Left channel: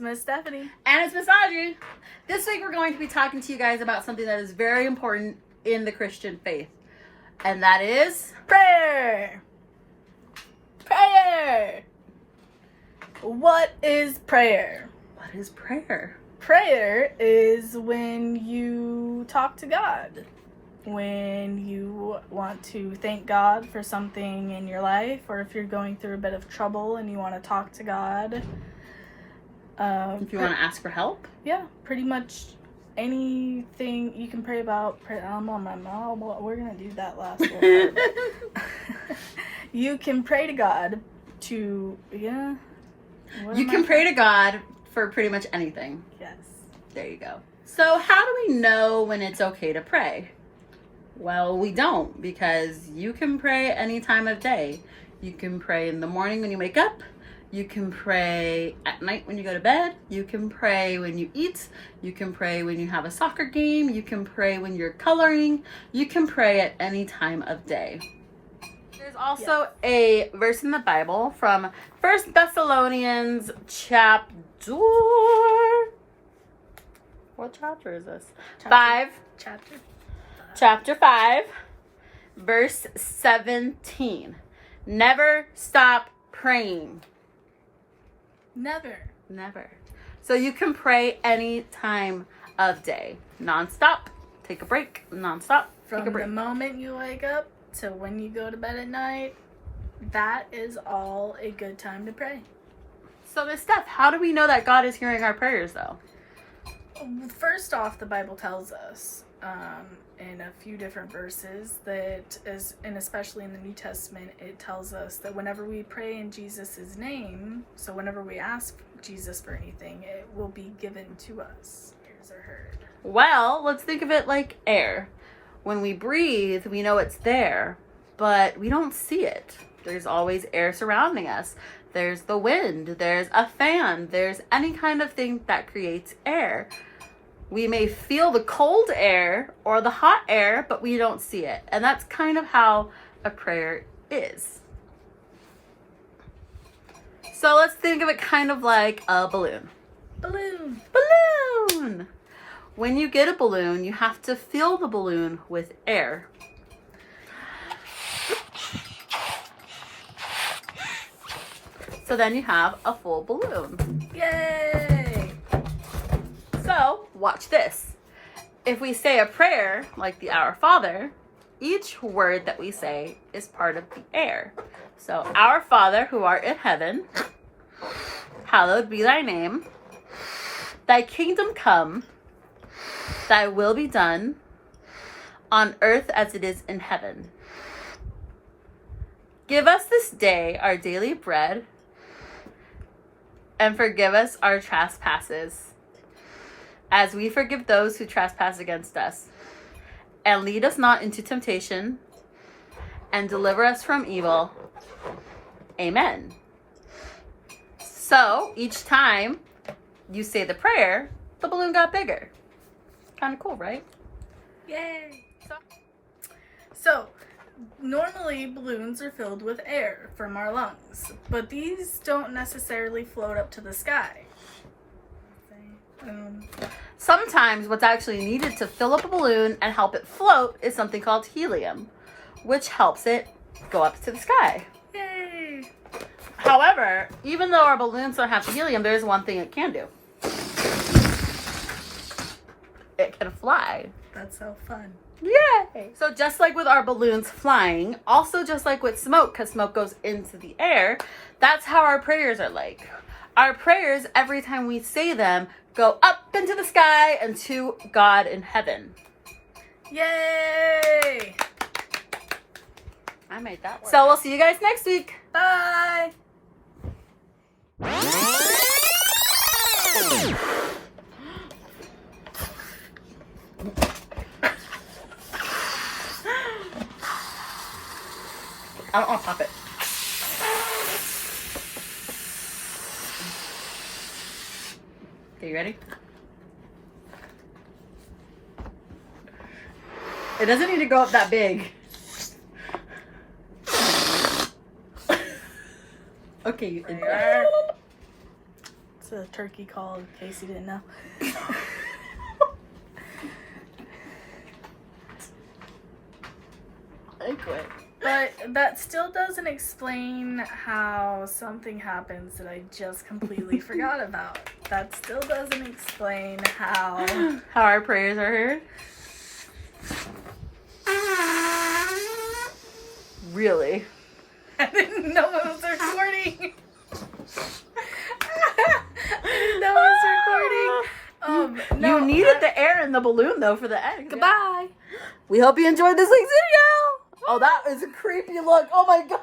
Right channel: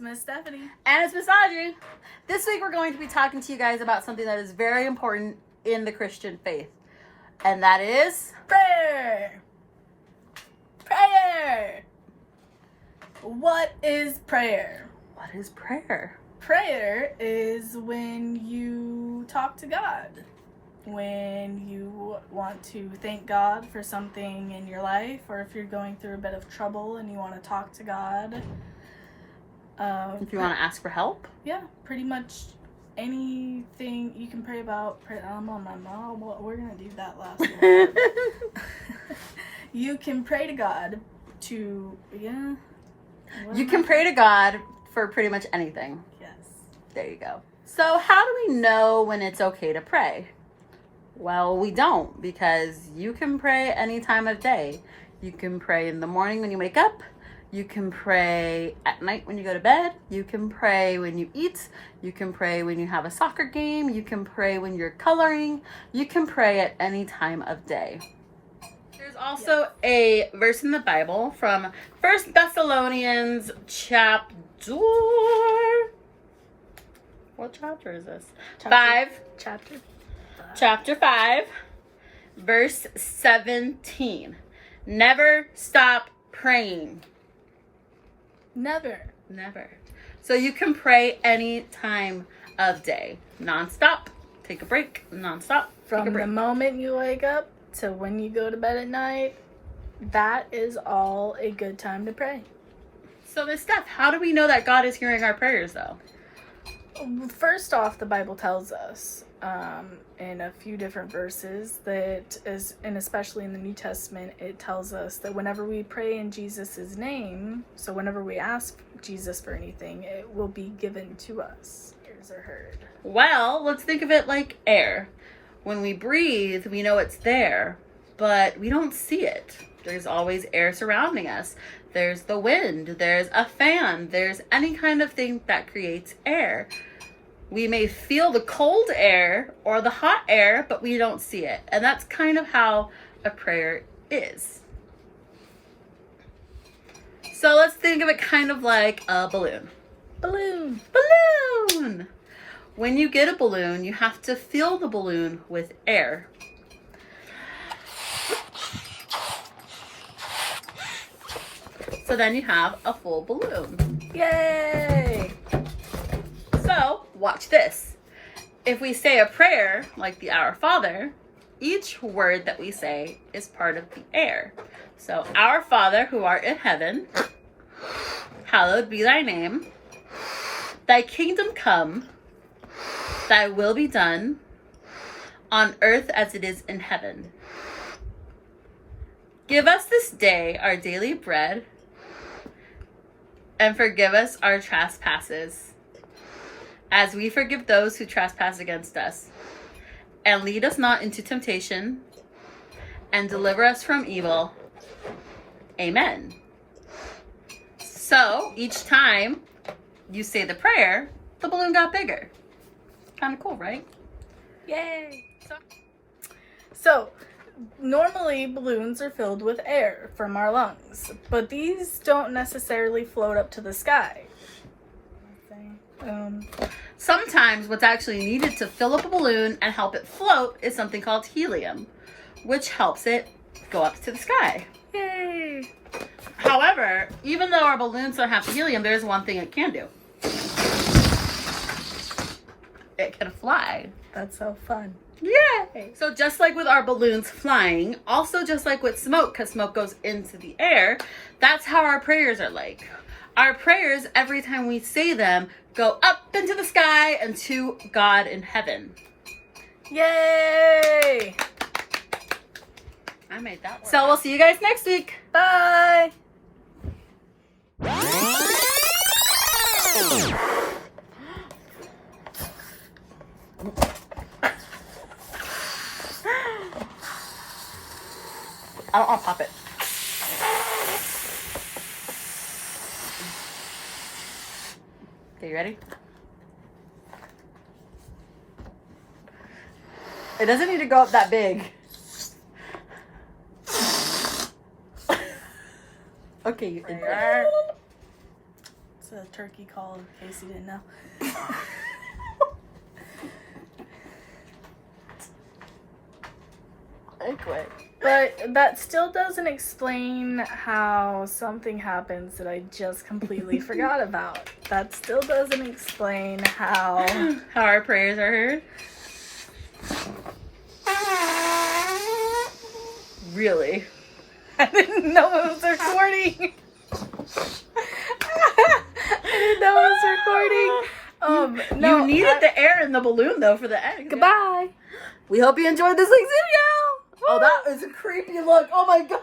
It's Miss Stephanie. And it's Miss Audrey. This week we're going to be talking to you guys about something that is very important in the Christian faith. And that is... prayer. Prayer. What is prayer? What is prayer? Prayer is when you talk to God. When you want to thank God for something in your life, or if you're going through a bit of trouble and you want to talk to God. If you want to ask for help? Yeah, pretty much anything you can pray about. I'm on my mom. We're going to do that last little part. You can pray to God to, yeah. You can pray to God for pretty much anything. Yes. There you go. So how do we know when it's okay to pray? Well, we don't, because you can pray any time of day. You can pray in the morning when you wake up. You can pray at night when you go to bed. You can pray when you eat. You can pray when you have a soccer game. You can pray when you're coloring. You can pray at any time of day. There's also a verse in the Bible from 1 Thessalonians chapter... What chapter is this? Chapter 5, verse 17. Never stop praying. Never. So you can pray any time of day. Non-stop. Take a break. Non-stop. From the moment you wake up to when you go to bed at night, that is all a good time to pray. So Miss Steph, how do we know that God is hearing our prayers though? First off, the Bible tells us in a few different verses and especially in the New Testament, it tells us that whenever we pray in Jesus' name, so whenever we ask Jesus for anything, it will be given to us. Ears are heard. Well, let's think of it like air. When we breathe, we know it's there, but we don't see it. There's always air surrounding us. There's the wind, there's a fan, there's any kind of thing that creates air. We may feel the cold air or the hot air, but we don't see it. And that's kind of how a prayer is. So let's think of it kind of like a balloon. Balloon. When you get a balloon, you have to fill the balloon with air. So then you have a full balloon. Yay! So, watch this. If we say a prayer, like the Our Father, each word that we say is part of the air. So, Our Father, who art in heaven, hallowed be thy name. Thy kingdom come, thy will be done, on earth as it is in heaven. Give us this day our daily bread, and forgive us our trespasses, as we forgive those who trespass against us. And lead us not into temptation, and deliver us from evil. Amen. So, each time you say the prayer, the balloon got bigger. Kind of cool, right? Yay! So, normally balloons are filled with air from our lungs, but these don't necessarily float up to the sky. Sometimes what's actually needed to fill up a balloon and help it float is something called helium, which helps it go up to the sky. Yay! However, even though our balloons don't have helium, there's one thing it can do. It can fly. That's so fun. Yay! So just like with our balloons flying, also just like with smoke, because smoke goes into the air, that's how our prayers are like. Our prayers, every time we say them, go up into the sky and to God in heaven. Yay! I made that one. So we'll see you guys next week. Bye! I don't want to pop it. Okay, you ready? It doesn't need to go up that big. Okay, you did that. It's a turkey call, in case you didn't know. Okay. But that still doesn't explain how something happens that I just completely forgot about. That still doesn't explain how our prayers are heard. Really? I didn't know it was recording. I didn't know it was recording. No, you needed the air in the balloon though for the end. Goodbye. We hope you enjoyed this week's video. Oh, that is a creepy look. Oh my god.